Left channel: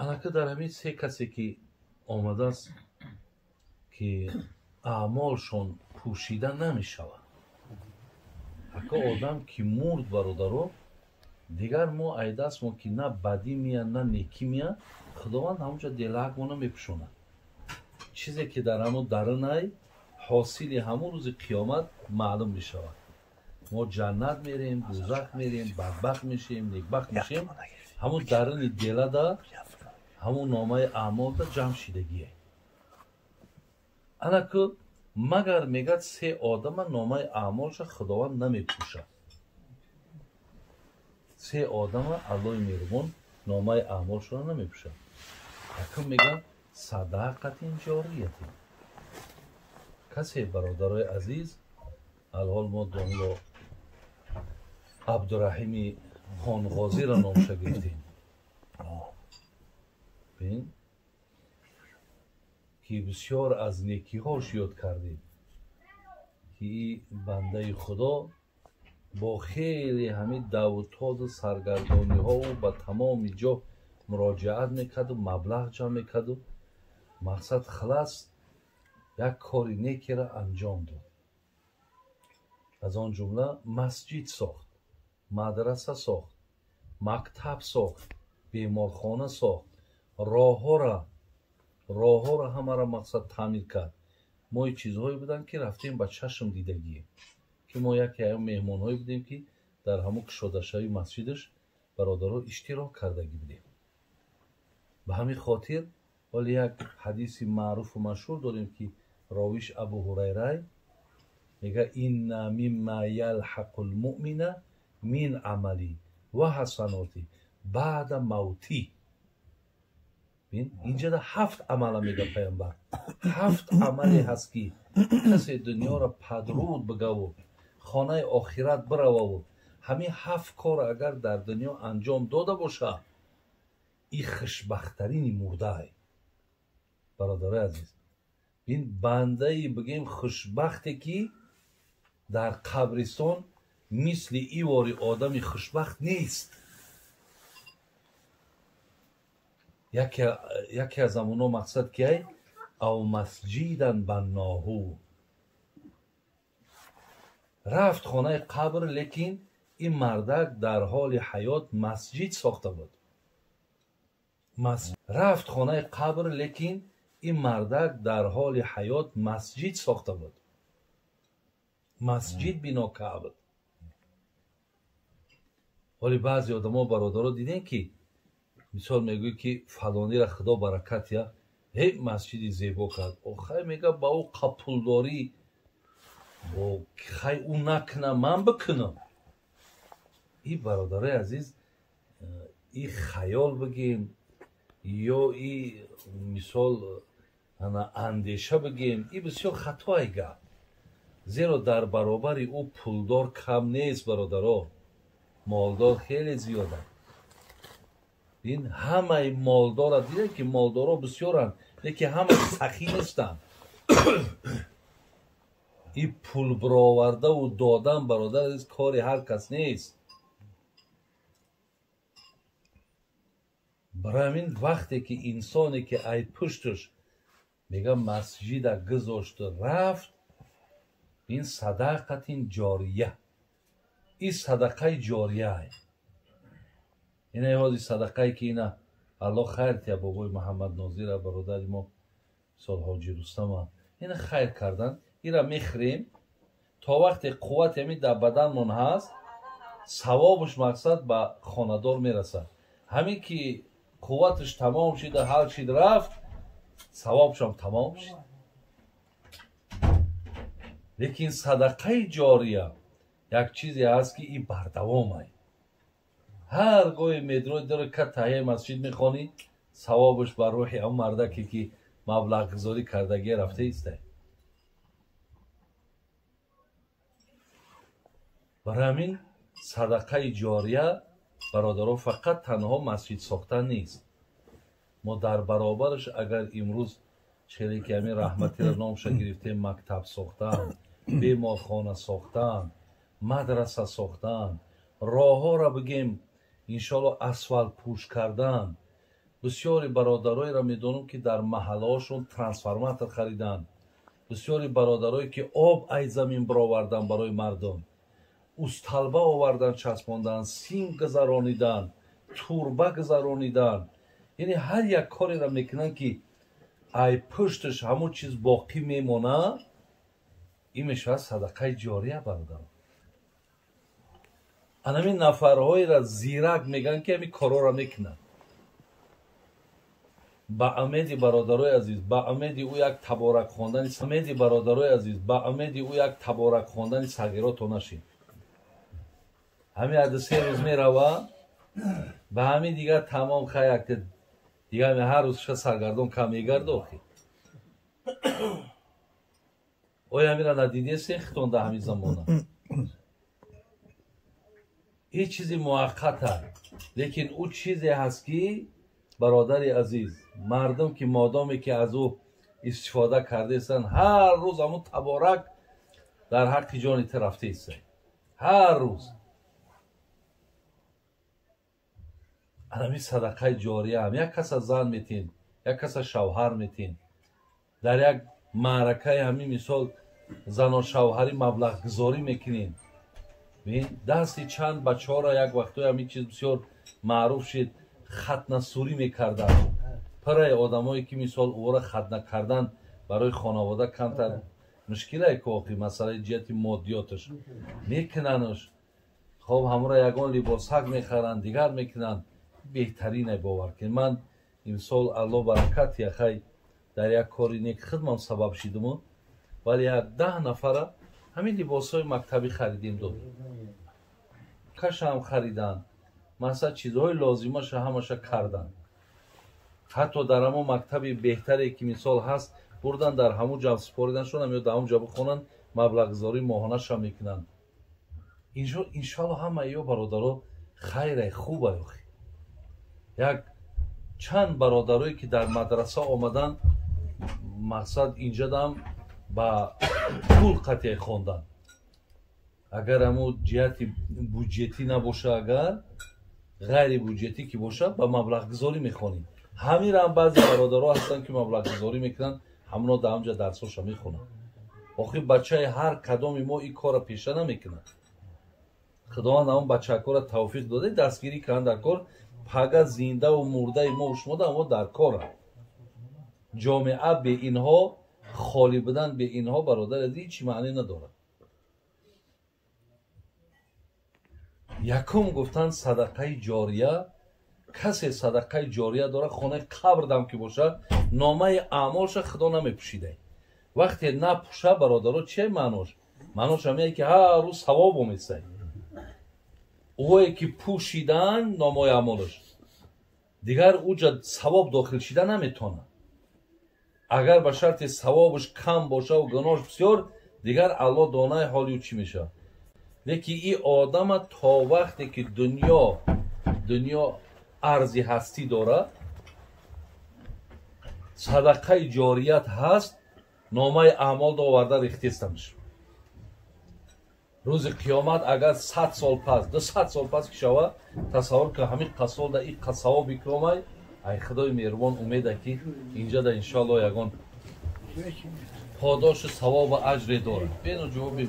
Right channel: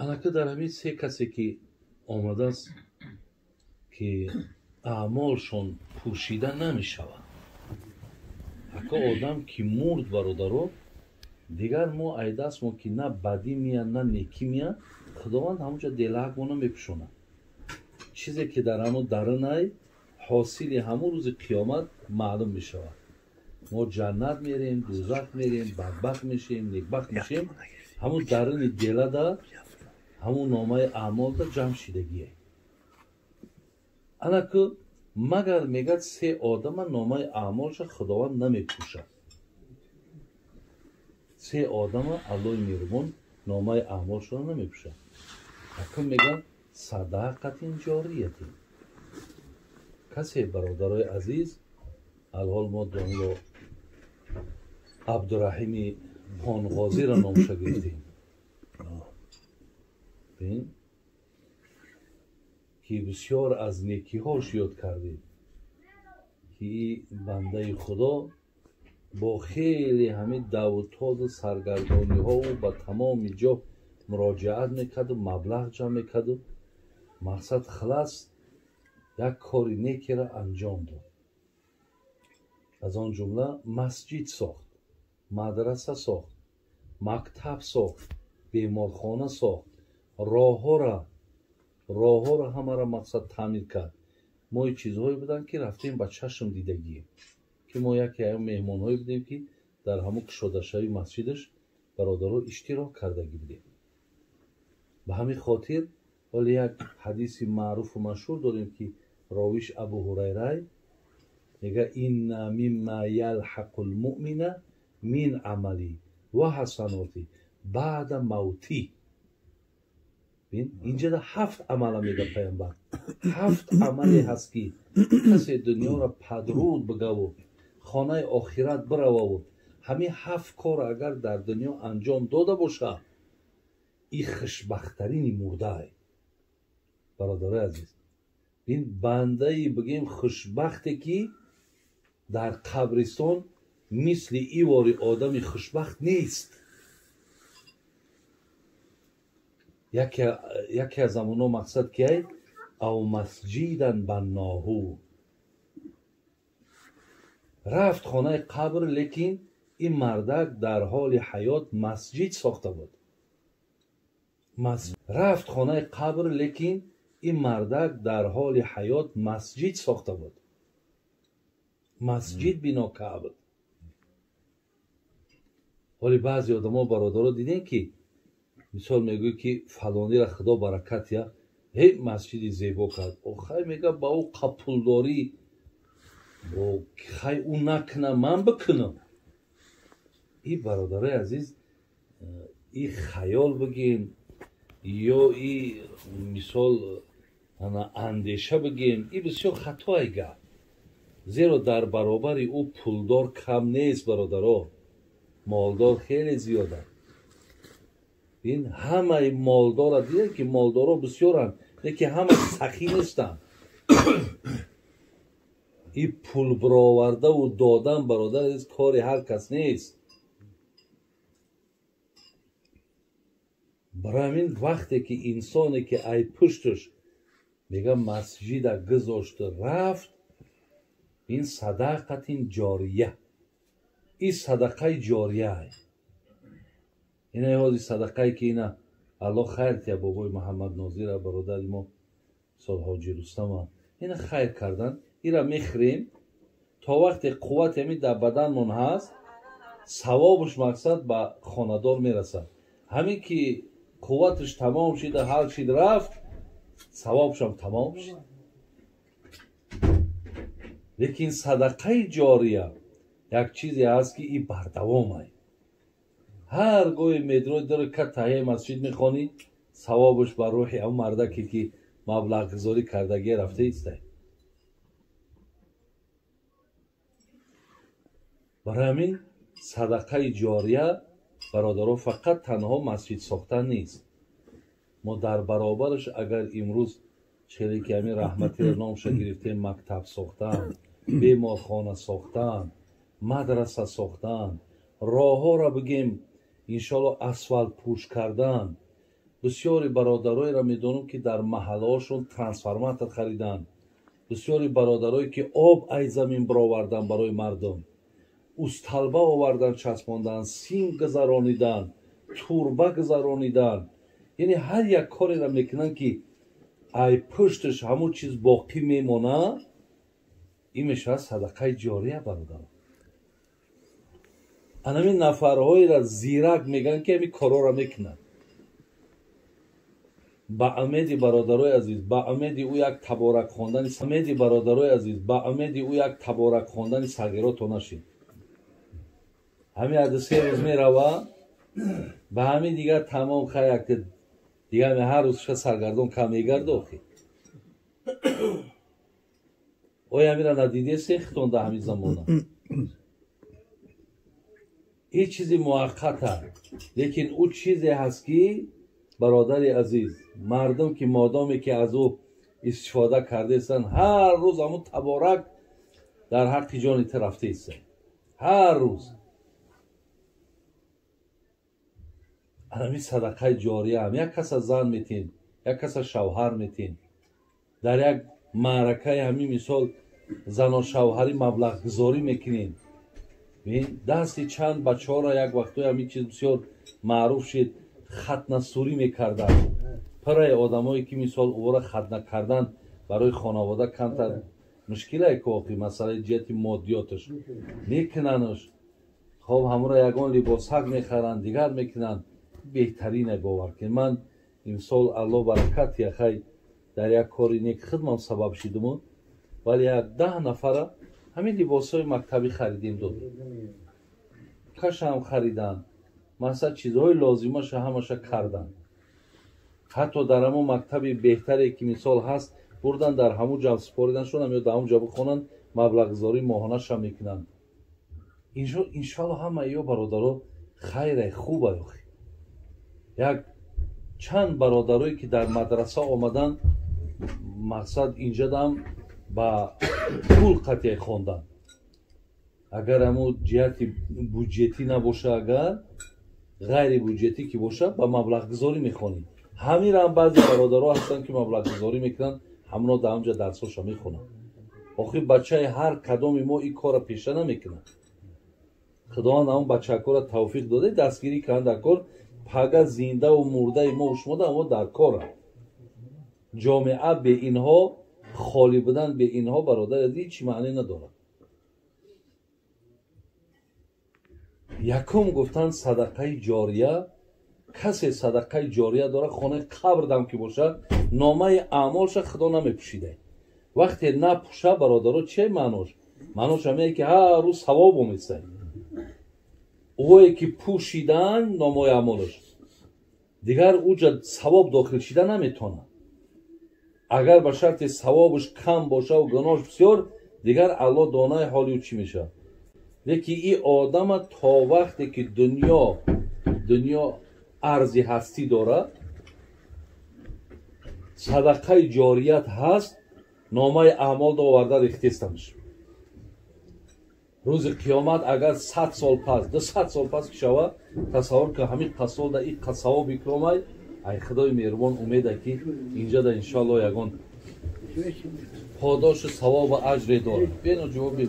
البته در همین سه کسی که آمده است که اعمالشون پوشیده نمی شود. اگه آدم که مرد برادرو دیگر ما ایداست ما که نه بدی میاد نه نیکی میاد، خداوند همونجا دلک ما نمیپوشونه. چیزی که در همون درونای حاصل همون روز قیامت معلوم میشود. ما جنت میریم، دوزخ میریم، بدبخت میشیم، نیکبخت میشیم، همون درون دل دا همون نامه اعمال دا جمع شدگیه. انا که مگر میگد سه آدم نامه اعمالش خداوند نمیپوشد. سه آدم الله میرمون نامه اعمالش را نمیپوشد. اکم میگن صداقت جاریه. کسی برادرای عزیز الحال ما دانلو عبدالرحیم خانغازی را نامش گرفتیم که بسیار از نیکی هاش یاد کردیم که این بنده خدا با خیلی همین دعوتات و سرگردانی ها و با تمام جا مراجعت میکرد و مبلغ جمع میکرد و مقصد خلاص یک کاری نیکی را انجام داد. از آن جمله مسجد ساخت، مدرسه ساخت، مکتب ساخت، بیمارخانه ساخت، راه ها را همه را مقصد تعمیر کرد. ما این چیزهایی بودن که رفتیم با چشم دیدگیه که ما یکی ایام مهمان هایی بودیم که در همون کشادشای مسجدش برادرها اشتراک کردگی بودیم. به همین خاطر ولی یک حدیث معروف و مشهور داریم که راویش ابو هریره میگه این مما یلحق المؤمن من عملی و حسناتی بعد موتی. اینجا 7 عمل میگه پیامبر. 7 عملی هست که کسی دنیا را پدرود بگه و خانه آخرت بروه و همین 7 کار اگر در دنیا انجام داده باشه این خوشبختترین مرده. برادر عزیز این بنده بگیم خوشبختی که در قبرستان مثل ای واری آدم خوشبخت نیست. یکی از همونا مقصد که او مسجدن بناهو رفت خانه قبر لیکن این مردک در حال حیات مسجد ساخته بود. رفت خانه قبر لیکن این مردک در حال حیات مسجد ساخته بود. مسجد بنا کرده بود. ولی بعضی آدم ها برادرها دیدین که مثال میگوی که فلانی را خدا برکت یا هی مسجدی زیبا کرد. خیلی میگه با او قپولداری خیلی او نکنه من بکنم. این برادرای عزیز این خیال بگیم یا این مثال اندیشه بگیم این بسیار خطایی گفت. زیرا در برابر او پولدار کم نیست برادرها، مالدار خیلی زیاده. این همه مالدار دیده که مالدارا بسیارن لیکن همه سخی نیستن. این پول برآورده و دادن برادر از کار هر کس نیست. برای همین وقتی که انسانی که ای پشتش میگه مسجد گذاشت رفت این صدقت جاریه. این صدقه جاریه این ایوازی صدقه که اینا الله خیر تیا بابای محمد ناظر برادر ما سال حاجی رستم اینا خیر کردن. اینا میخریم تا وقتی قوت همی در بدنمون هست ثوابش مقصد به خاندار میرسه. همین که قوتش تمام شده حل شد رفت ثوابش هم تمام شد. لیکن صدقه جاریه یک چیزی هست که این بردوامه. هر گوی میدروی داره که تهیه مسجد میخوانی ثوابش بر روحی اون مردکی که مبلغ گذاری کردگی رفته ایسته. برای همین صدقه جاریه برادران فقط تنها مسجد ساختن نیست. ما در برابرش اگر امروز چهره که همین رحمتی را نامش گرفتیم مکتب ساختن، بیمارخانه ساختن، مدرسه ساختن، راه ها را بگیم انشالله اسفالت پوش کردن، бисёри бародароеро медонам ки дар маҳаллаҳошон трансформатор хариданд, бисёри бародарое ки об аз замин бароварданд барои мардум, усталба оварданд часпонданд, сим гузарониданд, турба гузарониданд, яъне ҳар як кореро мекунанд ки ай пушташ ҳамон чиз боқӣ мемонад. ин мешавад садақаи ҷория бародар. анамин нафарҳоеро зирак мегӯянд ки ҳамин корҳоро мекунанд. ба умеди бародарои азиз, ба умеди ӯ як таборак хондани умеди бародарои азиз, ба умеди ӯ як таборак хондани сагирото нашид. ҳамин ҳадисе рӯз мерава ба ҳамин дигар тамом хаяк дигар ҳар рӯз саргардон кам мегарду. охи оя ҳамира надидест хитон дар ҳамин замона. ин чизи муаққат аст, лекин ӯ чизе ҳаст ки бародари азиз, мардум ки модоме ки аз ӯ истифода кардаистанд, ҳар рӯз ҳамун таборак дар ҳаққи ҷони ту рафтаистанд. ҳар рӯз ҳамин садақаи ҷория ҳам як каса зан метин, як каса шавҳар метин, дар як маъракаи ҳамин мисол зану шавҳарӣ маблағгузорӣ мекунем. дасти чанд бачаҳоро як вақтҳои ҳамин чиз бисёр маъруф шид, хатнасурӣ мекарданд. параи одамое ки мисол ӯро хатна кардан барои хонавода камтар мушкилае ки охи масъалаи ҷиҳати моддиёташ мекунанаш. хоб ҳамуро ягон либосак мехаранд, дигар мекунанд. беҳтарине бовар кунед. ман имсол алло баракат яхай дар як кори нек хидмам сабаб шидуму, вале як 10 нафара ҳамин либосҳои мактабӣ харидем дод. кашам хариданд, масъала чизҳои лозимаша ҳамаша карданд. ҳатто дар ҳамон мактаби беҳтаре ки мисол ҳаст бурдан дар ҳамон ҷо супоридан шудам ё дар ҳамон ҷо бихонанд, маблағгузории моҳонаша мекунанд. иншоалло ҳама ё бародаро хайре хубе. охи як чанд бародарое ки дар мадраса омаданд, мақсад инҷа дам ба пул қатъе хонданд. агар ҳамун ҷиҳати буҷетӣ набоша, агар ғайри буҷетӣ ки боша, ба маблағгузорӣ мехонем. ҳамира ҳам баъзе бародаро ҳастанд ки маблағгузорӣ мекунанд, ҳамно дар ҳамҷа дарсҳоша мехонанд. охир бачаи ҳар кадоми мо ин корро пеша намекунад. худованд ҳамон бачакҳоро тавфиқ дода дастгирӣ карданд дар кор. пага зиндаву мурдаи мо шумо дамо дар кора. ҷомеа бе инҳо, холӣ будан бе инҳо бародар аз ҳеҷ маъне надорад. якум гуфтанд садақаи ҷория. касе садақаи ҷория дорад, хонаи қабр дам ки бошад, номаи аъмолша худо намепӯшида. вақте напӯша бародаро че маънош? маънош ҳамае ки ҳар рӯз савоб оместай. ӯе ки пӯшидан номои аъмолаш дигар уҷа савоб дохил шида наметонад. агар ба шарти савобаш кам бошаву гуноҳш бисёр, дигар алло донаи ҳоли ӯ чӣ мешавад. лекин ин одама то вақте ки дунё арзи ҳастӣ дорад, садақаи ҷорият ҳаст, номаи аъмол оварда рехтестамаш. рӯзи қиёмат агар 100 сол пас 200 сол пас ки шавад, тасаввур ка ҳамин қасолда ин қасавоб икромай, ай худои меҳрубон умеда ки инҷада иншоалло ягон подошу савобу аҷре дорад. бено ҷавоби